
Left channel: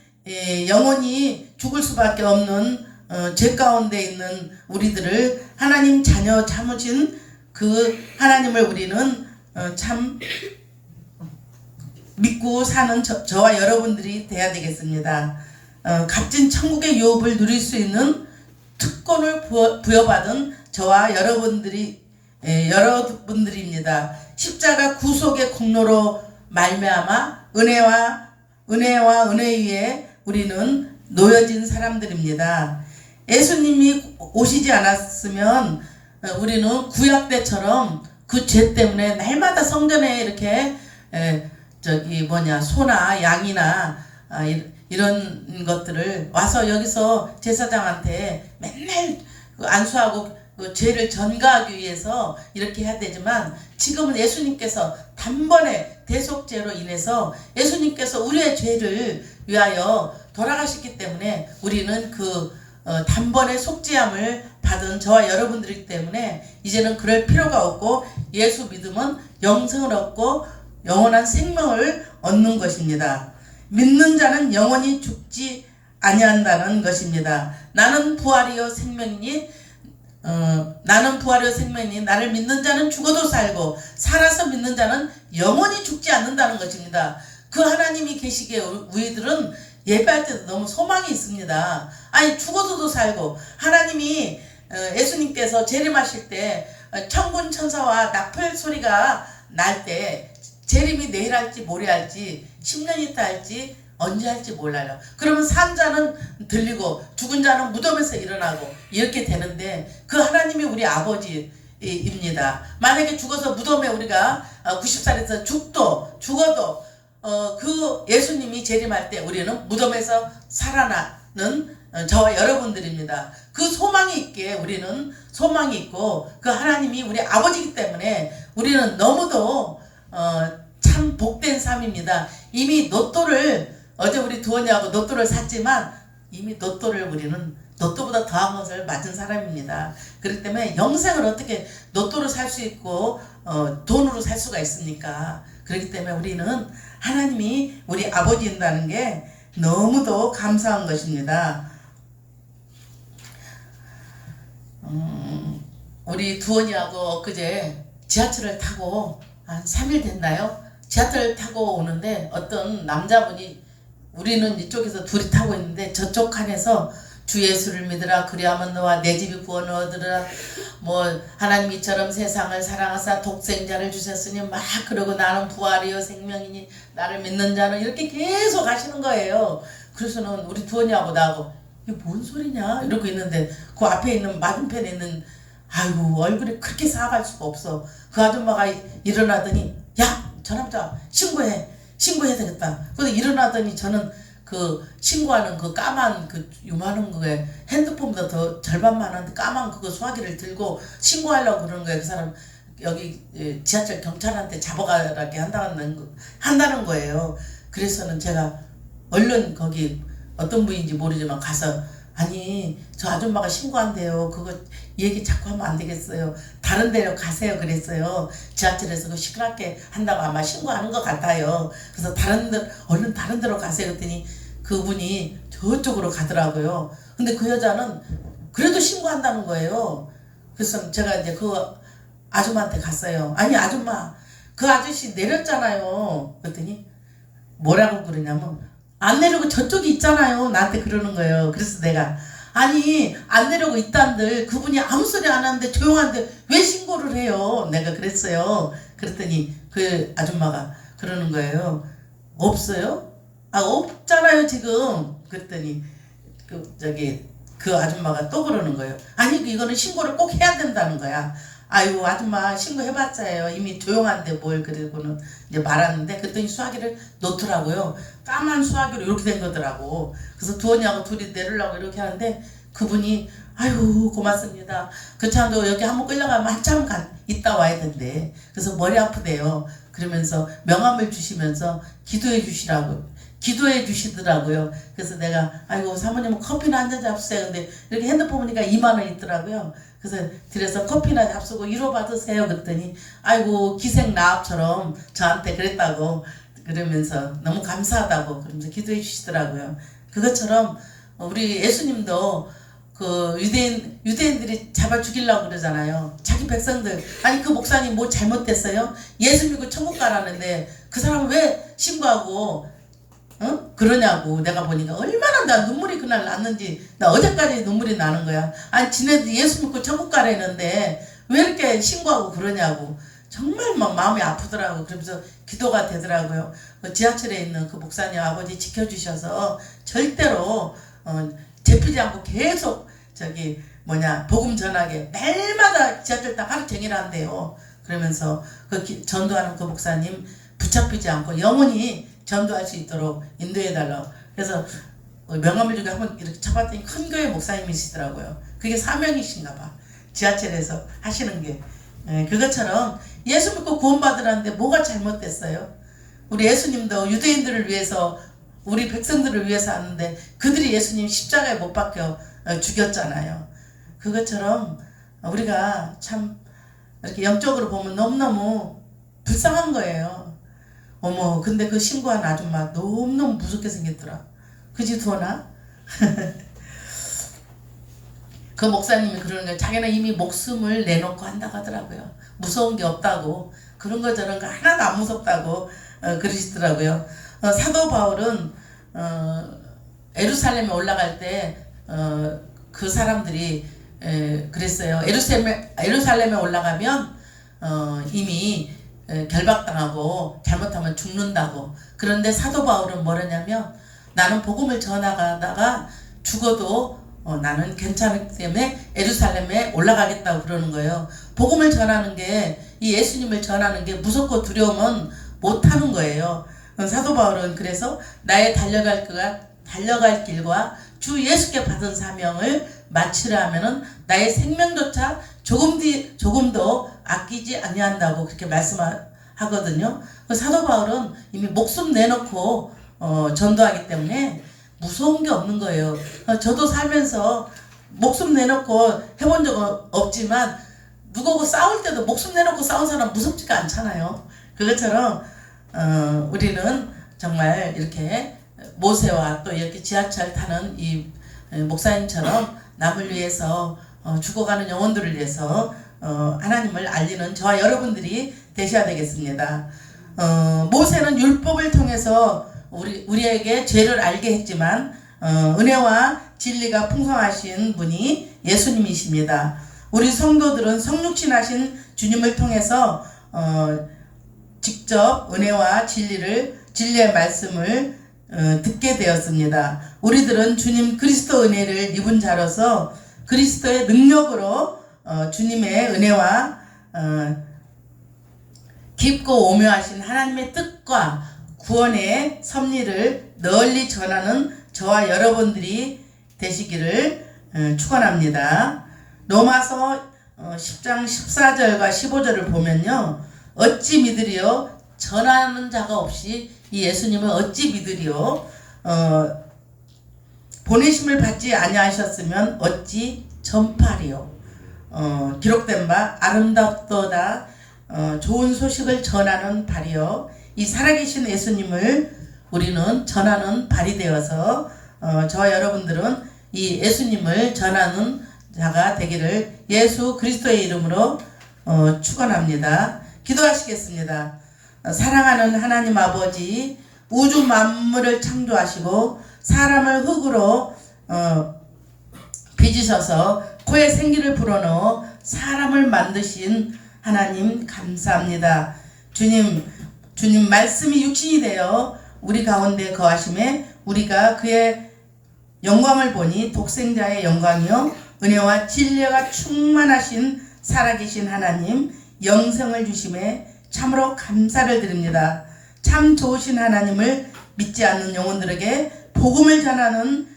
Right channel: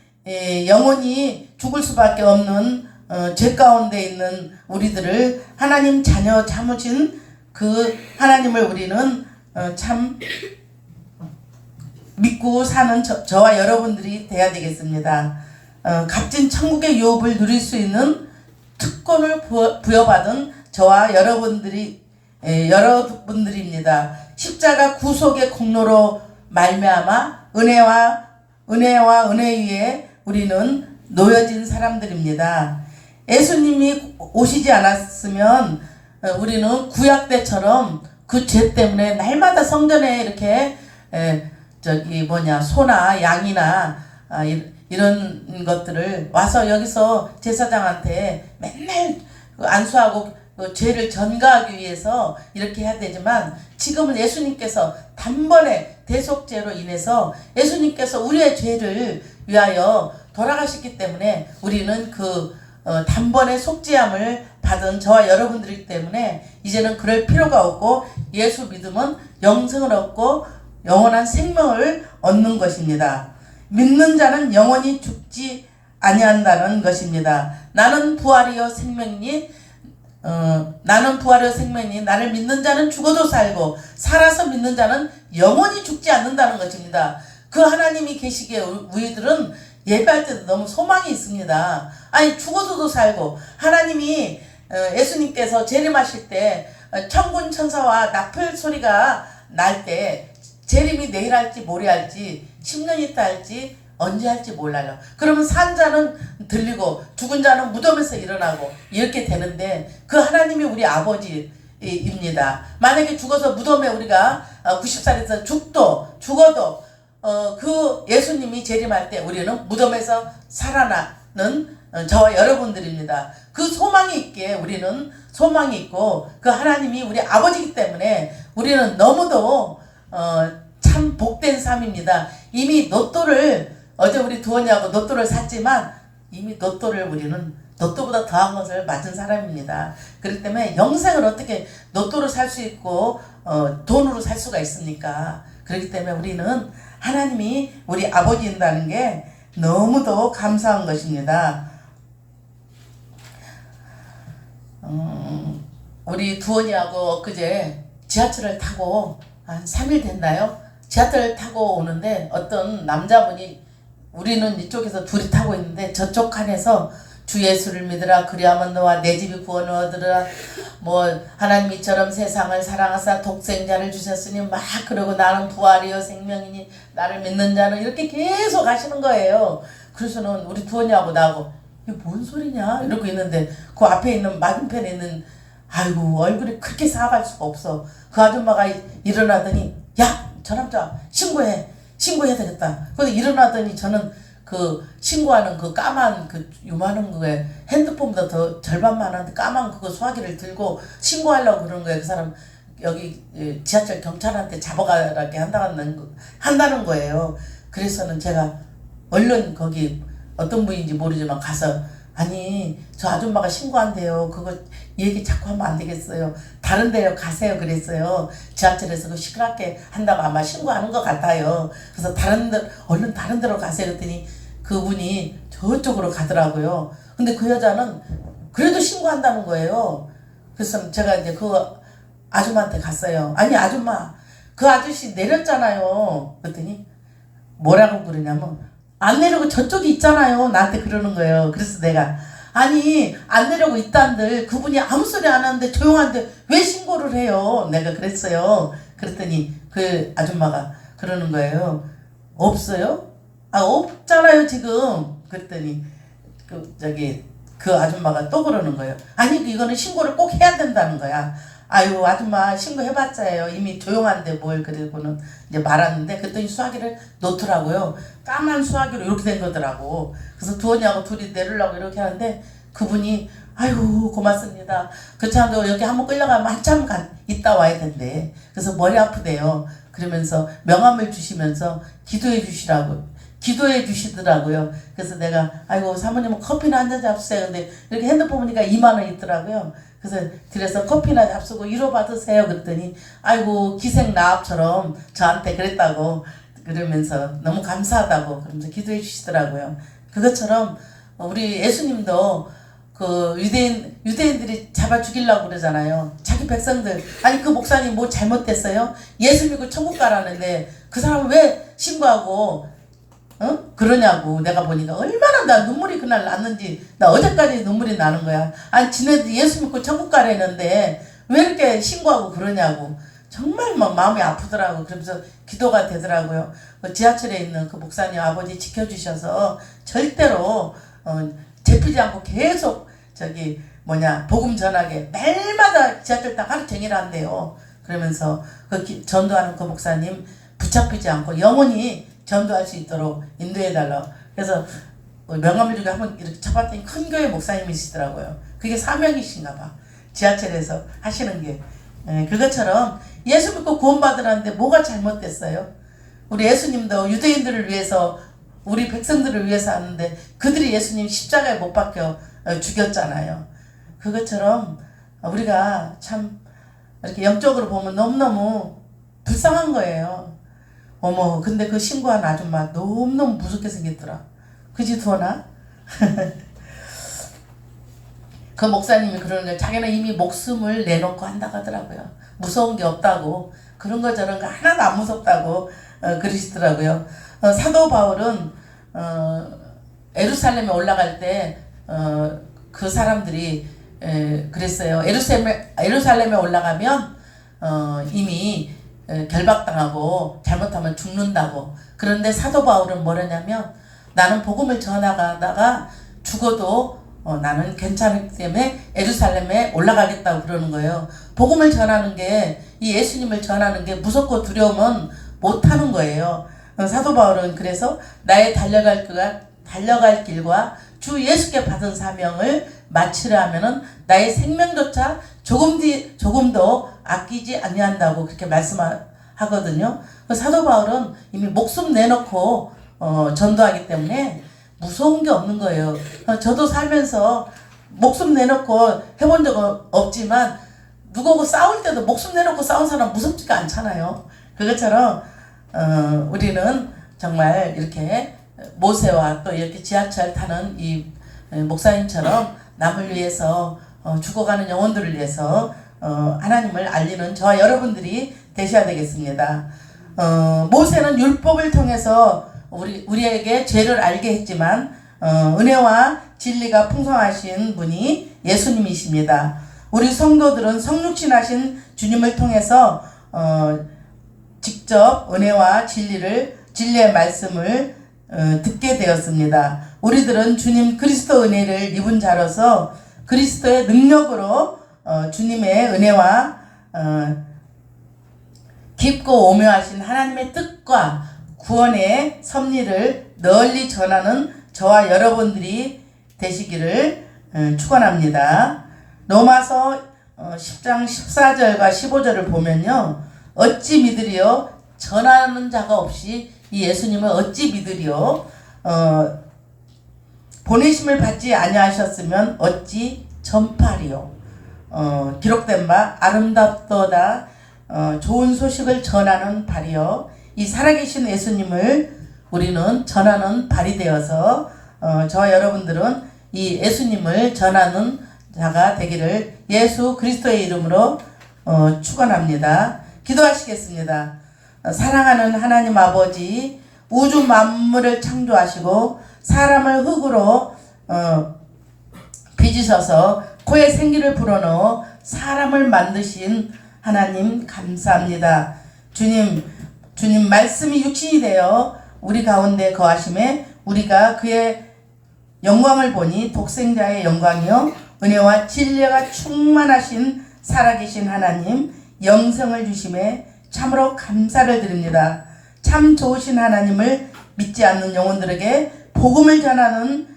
영원히 죽을 수밖에 없는 죄 가운데 있는 우리들을 하나님 자녀 삼으신 그 하나님을 우리는 참 믿고 사는 저와 여러분들이 돼야 되겠습니다. 값진 천국의 유업을 누릴 수 있는 특권을 부여받은 저와 여러분들입니다. 십자가 구속의 공로로 말미암아 은혜와 은혜 위에 우리는 놓여진 사람들입니다. 예수님이 오시지 않았으면 우리는 구약 때처럼 그 죄 때문에 날마다 성전에 이렇게 소나 양이나 이런 것들을 와서 여기서 제사장한테 맨날 안수하고 죄를 전가하기 위해서 이렇게 해야 되지만, 지금은 예수님께서 단번에 대속죄로 인해서 예수님께서 우리의 죄를 위하여 돌아가셨기 때문에 우리는 단번에 속죄함을 받은 저와 여러분들이기 때문에 이제는 그럴 필요가 없고, 예수 믿으면 영생을 얻고 영원한 생명을 얻는 것입니다. 믿는 자는 영원히 죽지 아니한다는 것입니다. 나는 부활이요 생명이니 나를 믿는 자는 죽어도 살고 살아서 믿는 자는 영원히 죽지 않는다는 것입니다. 그 하나님이 계시기에 우리들은 예배할 때도 너무 소망이 있습니다. 아니, 죽어서도 살고, 하나님이 예수님께서 재림하실 때 천군 천사와 나팔 소리가 날 때 재림이 내일 할지 모레 할지 10년 있다 할지 언제 할지 몰라요. 그러면 산 자는 들리고 죽은 자는 무덤에서 일어나고 이렇게 되는데, 그 하나님이 우리 아버지입니다. 만약에 죽어서 무덤에 우리가 90살에서 죽어도 그 예수님이 재림할 때 우리는 무덤에서 살아나는 저와 여러분들입니다. 그 소망이 있기에 우리는 소망이 있고, 그 하나님이 우리 아버지이기 때문에 우리는 너무도 참 복된 삶입니다. 이미 어제 우리 두원이하고 로또를 샀지만 이미 우리는 로또보다 더한 것을 맞은 사람입니다. 그렇기 때문에 영생을 어떻게 로또로 살 수 있고 돈으로 살 수가 있습니까? 그렇기 때문에 우리는 하나님이 우리 아버지인다는 게 너무도 감사한 것입니다. 우리 두원이하고 엊그제 지하철을 타고 한 3일 됐나요? 지하철을 타고 오는데 어떤 남자분이, 우리는 이쪽에서 둘이 타고 있는데 저쪽 칸에서 주 예수를 믿으라, 그리하면 너와 내 집이 구원을 얻으라, 하나님 이처럼 세상을 사랑하사 독생자를 주셨으니 막 그러고, 나는 부활이요 생명이니 나를 믿는 자는, 이렇게 계속 하시는 거예요. 그래서는 우리 두원이하고 나하고 이게 뭔 소리냐 이러고 있는데, 그 앞에 있는 맞은편에 있는, 아이고 얼굴이 그렇게 사갈 수가 없어. 그 아줌마가 일어나더니, 야, 저 남자 신고해야 되겠다. 그래서 일어나더니 저는 그 신고하는 그 까만 요만한 거에 핸드폰보다 더 절반만한 까만 그거 수화기를 들고 신고하려고 그러는 거예요. 그 사람 여기 지하철 경찰한테 잡아가게 한다는 거예요. 그래서는 제가 얼른 거기 어떤 분인지 모르지만 가서, 아니 저 아줌마가 신고한대요. 그거 얘기 자꾸 하면 안 되겠어요. 다른 데로 가세요. 그랬어요. 지하철에서 그 시끄럽게 한다고 아마 신고하는 것 같아요. 그래서 얼른 다른 데로 가세요. 그랬더니 그분이 저쪽으로 가더라고요. 근데 그 여자는 그래도 신고한다는 거예요. 그래서 제가 이제 그 아줌마한테 갔어요. 아니 아줌마, 그 아저씨 내렸잖아요. 그랬더니 뭐라고 그러냐면, 안 내려고 저쪽이 있잖아요. 나한테 그러는 거예요. 그래서 내가, 아니 안 내려고 있단들 그분이 아무 소리 안 하는데 조용한데 왜 신고를 해요? 내가 그랬어요. 그랬더니 그 아줌마가 그러는 거예요. 없어요? 없잖아요 지금. 그랬더니 그 아줌마가 또 그러는 거예요. 아니 이거는 신고를 꼭 해야 된다는 거야. 아유 아줌마 신고해봤자요. 이미 조용한데 뭘. 그러고는 이제 말았는데, 그랬더니 수화기를 놓더라고요. 까만 수화기로 이렇게 된 거더라고. 그래서 두원이하고 둘이 내리려고 이렇게 하는데, 그분이 아유 고맙습니다. 그렇지않아도 여기 한번 끌려가면 한참 있다 와야 된대. 그래서 머리 아프대요. 그러면서 명함을 주시면서 기도해 주시더라고요. 그래서 내가, 아이고 사모님은 커피나 한 잔 잡수세요. 근데 이렇게 핸드폰 보니까 2만 원 있더라고요. 그래서 드려서 커피나 잡수고 위로 받으세요. 그랬더니 아이고 기생나합처럼 저한테 그랬다고, 그러면서 너무 감사하다고 그러면서 기도해 주시더라고요. 그것처럼 우리 예수님도 그 유대인들이 잡아 죽이려고 그러잖아요. 자기 백성들. 아니 그 목사님 뭐 잘못됐어요? 예수 믿고 천국 가라는데 그 사람은 왜 신고하고 그러냐고. 내가 보니까 얼마나 나 눈물이 그날 났는지, 나 어제까지 눈물이 나는 거야. 아니 지네들 예수 믿고 천국 가려는데 왜 이렇게 신고하고 그러냐고. 정말 뭐 마음이 아프더라고. 그러면서 기도가 되더라고요. 지하철에 있는 그 목사님 아버지 지켜주셔서 절대로 잡히지 않고 계속 복음 전하게 매일마다 지하철 딱 하루 종일 한대요. 그러면서 전도하는 그 목사님 붙잡히지 않고 영원히 전도할 수 있도록 인도해달라. 그래서 명함을 주고 한번 이렇게 쳐봤더니 큰 교회 목사님이시더라고요. 그게 사명이신가 봐. 지하철에서 하시는 게. 그것처럼 예수 믿고 구원받으라는데 뭐가 잘못됐어요? 우리 예수님도 유대인들을 위해서, 우리 백성들을 위해서 하는데 그들이 예수님 십자가에 못 박혀 죽였잖아요. 그것처럼 우리가 참 이렇게 영적으로 보면 너무너무 불쌍한 거예요. 어머, 근데 그 신고한 아줌마 너무너무 무섭게 생겼더라. 그지, 두어나? 그 목사님이 그러는 거예요. 자기는 이미 목숨을 내놓고 한다고 하더라고요. 무서운 게 없다고. 그런 거 저런 거 하나도 안 무섭다고 그러시더라고요. 사도 바울은 에루살렘에 올라갈 때 그 사람들이 그랬어요. 에루살렘에 올라가면 이미 결박당하고 잘못하면 죽는다고. 그런데 사도 바울은 뭐라냐면, 나는 복음을 전하다가 죽어도 나는 괜찮기 때문에 에루살렘에 올라가겠다고 그러는 거예요. 복음을 전하는 게, 이 예수님을 전하는 게 무섭고 두려우면 못하는 거예요. 사도 바울은 그래서 나의 달려갈 길과 주 예수께 받은 사명을 마치려 하면은 나의 생명조차 조금도 아끼지 아니한다고 그렇게 말씀하거든요. 사도 바울은 이미 목숨 내놓고 전도하기 때문에 무서운 게 없는 거예요. 저도 살면서 목숨 내놓고 해본 적은 없지만 누구하고 싸울 때도 목숨 내놓고 싸운 사람 무섭지가 않잖아요. 그것처럼 우리는 정말 이렇게 모세와 또 이렇게 지하철 타는 이 목사님처럼 남을 위해서 죽어가는 영혼들을 위해서 하나님을 알리는 저와 여러분들이 되셔야 되겠습니다. 모세는 율법을 통해서 우리에게 죄를 알게 했지만 은혜와 진리가 풍성하신 분이 예수님이십니다. 우리 성도들은 성육신하신 주님을 통해서 직접 은혜와 진리의 말씀을 듣게 되었습니다. 우리들은 주님 그리스도 은혜를 입은 자로서 그리스도의 능력으로 주님의 은혜와 깊고 오묘하신 하나님의 뜻과 구원의 섭리를 널리 전하는 저와 여러분들이 되시기를 축원합니다. 로마서 10장 14절과 15절을 보면요, 어찌 믿으리요? 전하는 자가 없이 이 예수님을 어찌 믿으리요? 보내심을 받지 아니하셨으면 어찌 전파리요? 기록된 바 아름답도다 좋은 소식을 전하는 발이요. 이 살아계신 예수님을 우리는 전하는 발이 되어서 저와 여러분들은 이 예수님을 전하는 자가 되기를 예수 그리스도의 이름으로 축원합니다. 기도하시겠습니다. 사랑하는 하나님 아버지, 우주 만물을 창조하시고 사람을 흙으로 빚으셔서 코에 생기를 불어넣어 사람을 만드신 하나님 감사합니다. 주님 말씀이 육신이 되어 우리 가운데 거하심에 우리가 그의 영광을 보니 독생자의 영광이요 은혜와 진리가 충만하신 살아계신 하나님 영생을 주심에 참으로 감사를 드립니다. 참 좋으신 하나님을 믿지 않는 영혼들에게 복음을 전하는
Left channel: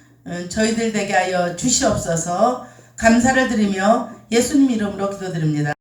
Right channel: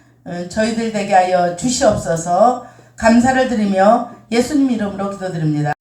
저희들 되게 하여 주시옵소서. 감사를 드리며 예수님 이름으로 기도드립니다.